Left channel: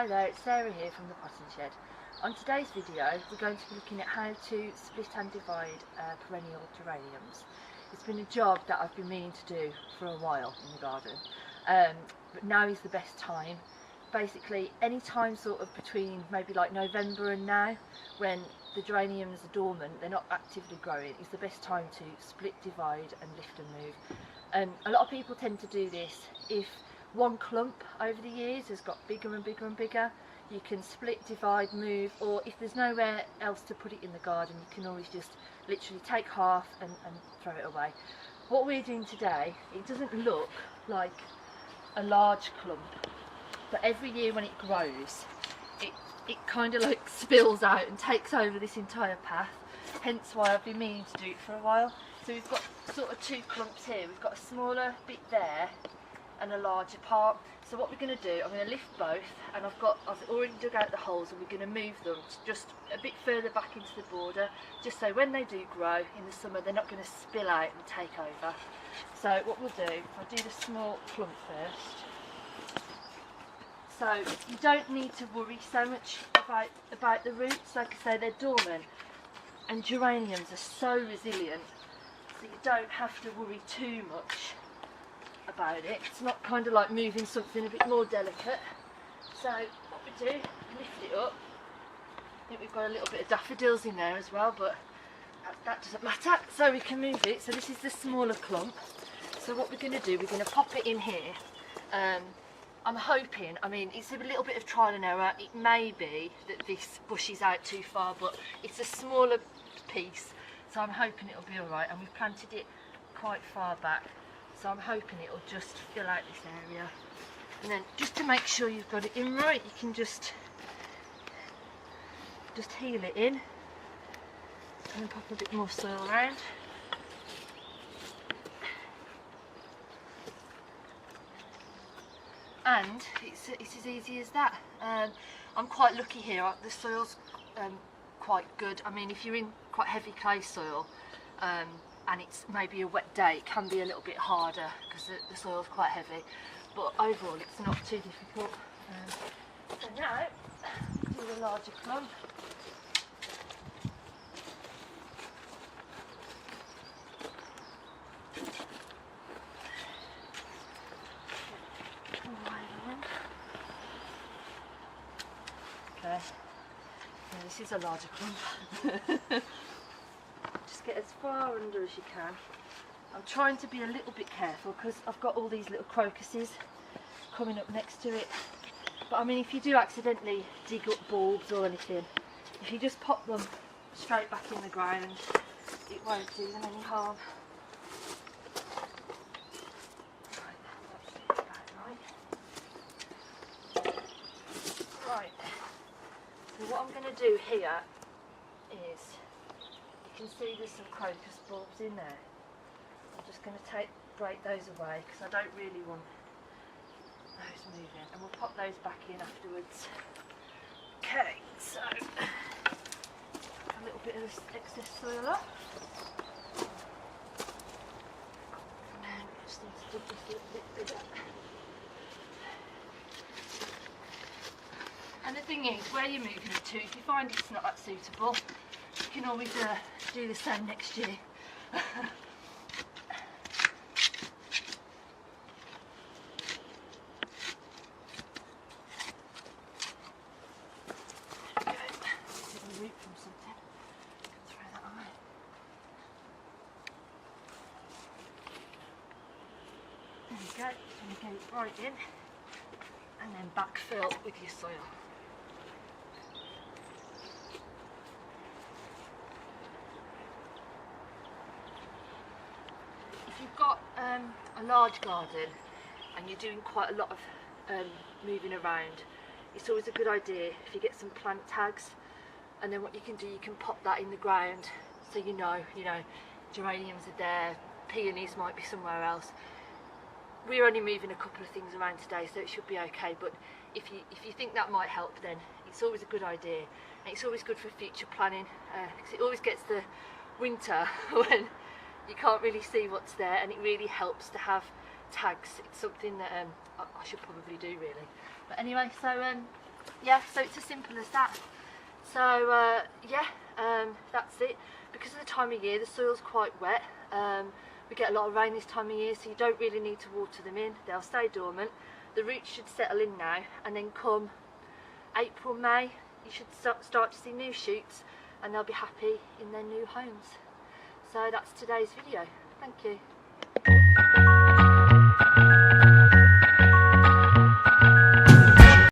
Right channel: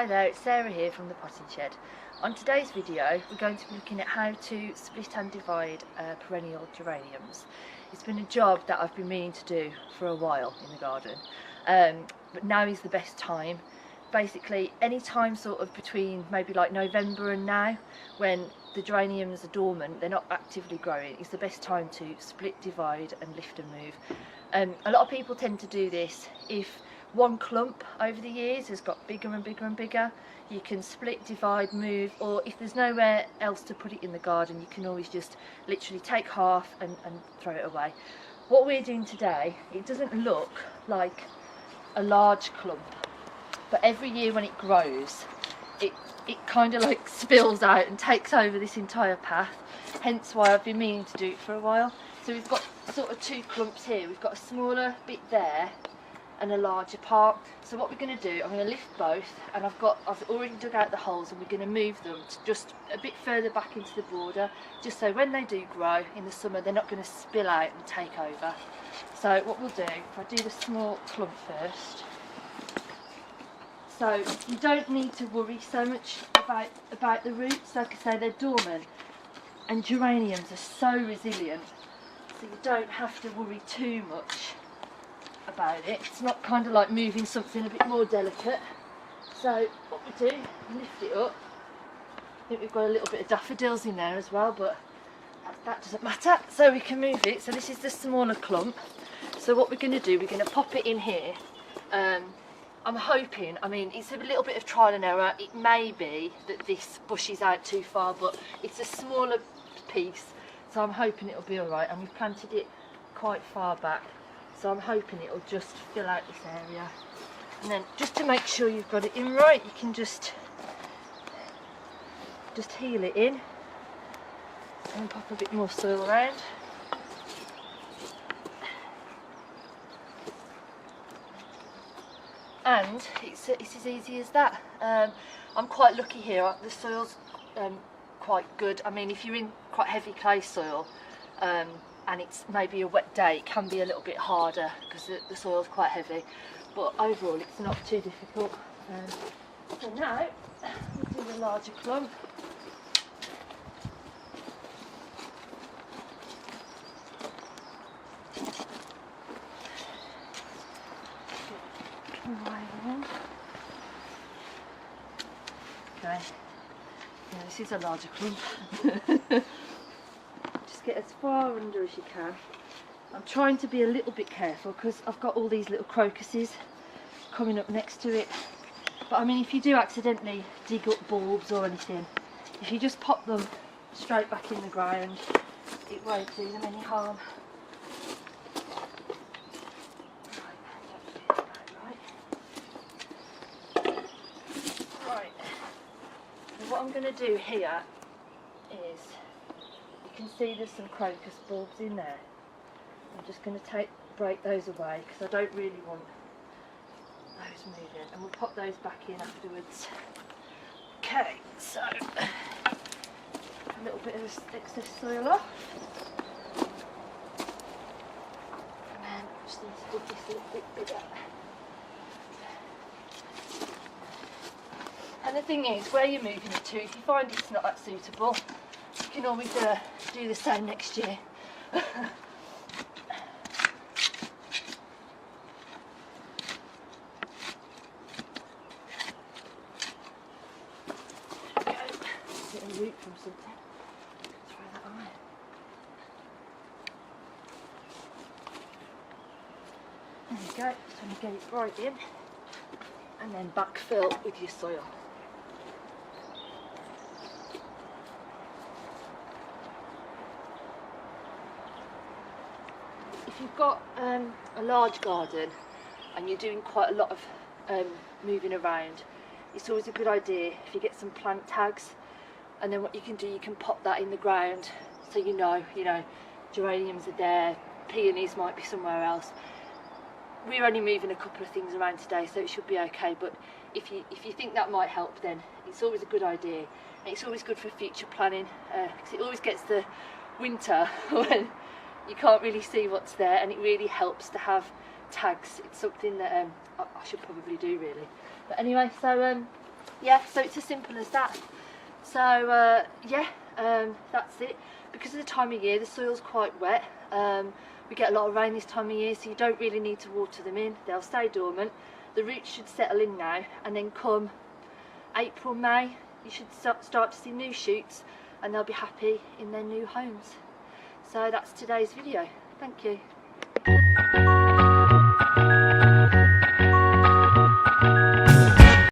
Hi there, it's Sarah here from the Potting Shed. On today's video we're going to be looking at how to split and divide perennial geraniums. It's been a job that I've been meaning to do for a while in the garden, but now is the best time. Basically any time sort of between maybe like November and now, when the geraniums are dormant, they're not actively growing, it's the best time to split, divide and lift and move. A lot of people tend to do this if one clump over the years has got bigger and bigger and bigger. You can split, divide, move, or if there's nowhere else to put it in the garden, you can always just literally take half and throw it away. What we're doing today, it doesn't look like a large clump, but every year when it grows, it kind of like spills out and takes over this entire path, hence why I've been meaning to do it for a while. So we've got sort of two clumps here. We've got a smaller bit there and a larger part. So what we're going to do, I'm going to lift both, and I've already dug out the holes, and we're going to move them to just a bit further back into the border, just so when they do grow in the summer they're not going to spill out and take over. So what we'll do, if I do the small clump first, so you don't need to worry so much about the roots. Like I say, they're dormant, and geraniums are so resilient, so you don't have to worry too much about it. It's not kind of like moving something a bit more delicate. So what we do, lift it up. I think we've got a little bit of daffodils in there as well, but that doesn't matter, so we can move it. So this is the smaller clump. So what we're going to do, we're going to pop it in here. I'm hoping, I mean, it's a little bit of trial and error. It may be that this bushes out too far, but it's a smaller piece, so I'm hoping it'll be alright. And we've planted it quite far back, so I'm hoping it'll just fill out this area. And then just to make sure you've got it in right, you can just heel it in and pop a bit more soil around. And it's as easy as that. I'm quite lucky here, the soil's quite good. I mean, if you're in quite heavy clay soil and it's maybe a wet day, it can be a little bit harder because the soil's quite heavy, but overall it's not too difficult. So now we'll do the larger clump. Okay, yeah, this is a larger clump. Just get as far under as you can. I'm trying to be a little bit careful because I've got all these little crocuses coming up next to it. But I mean, if you do accidentally dig up bulbs or anything, if you just pop them straight back in the ground, it won't do them any harm. What I'm going to do here is, you can see there's some crocus bulbs in there. I'm just going to break those away because I don't really want those moving, and we'll pop those back in afterwards. Okay, so a little bit of excess soil off, and then just need to dig this a little bit bigger. And the thing is, where you're moving it to, if you find it's not that suitable, you can always do the same next year. Okay, get a root from something. Throw that on. There you go, just want to get it right in, and then backfill with your soil. If you've got a large garden and you're doing quite a lot of moving around, it's always a good idea if you get some plant tags, and then what you can do, you can pop that in the ground so you know geraniums are there, peonies might be somewhere else. We're only moving a couple of things around today, so it should be okay, but if you think that might help, then it's always a good idea, and it's always good for future planning, because it always gets the winter when you can't really see what's there, and it really helps to have tags. It's something that I should probably do really. But anyway, so yeah, so it's as simple as that. So that's it. Because of the time of year, the soil's quite wet. We get a lot of rain this time of year, so you don't really need to water them in. They'll stay dormant. The roots should settle in now, and then come April, May, you should start to see new shoots, and they'll be happy in their new homes. So that's today's video. Thank you.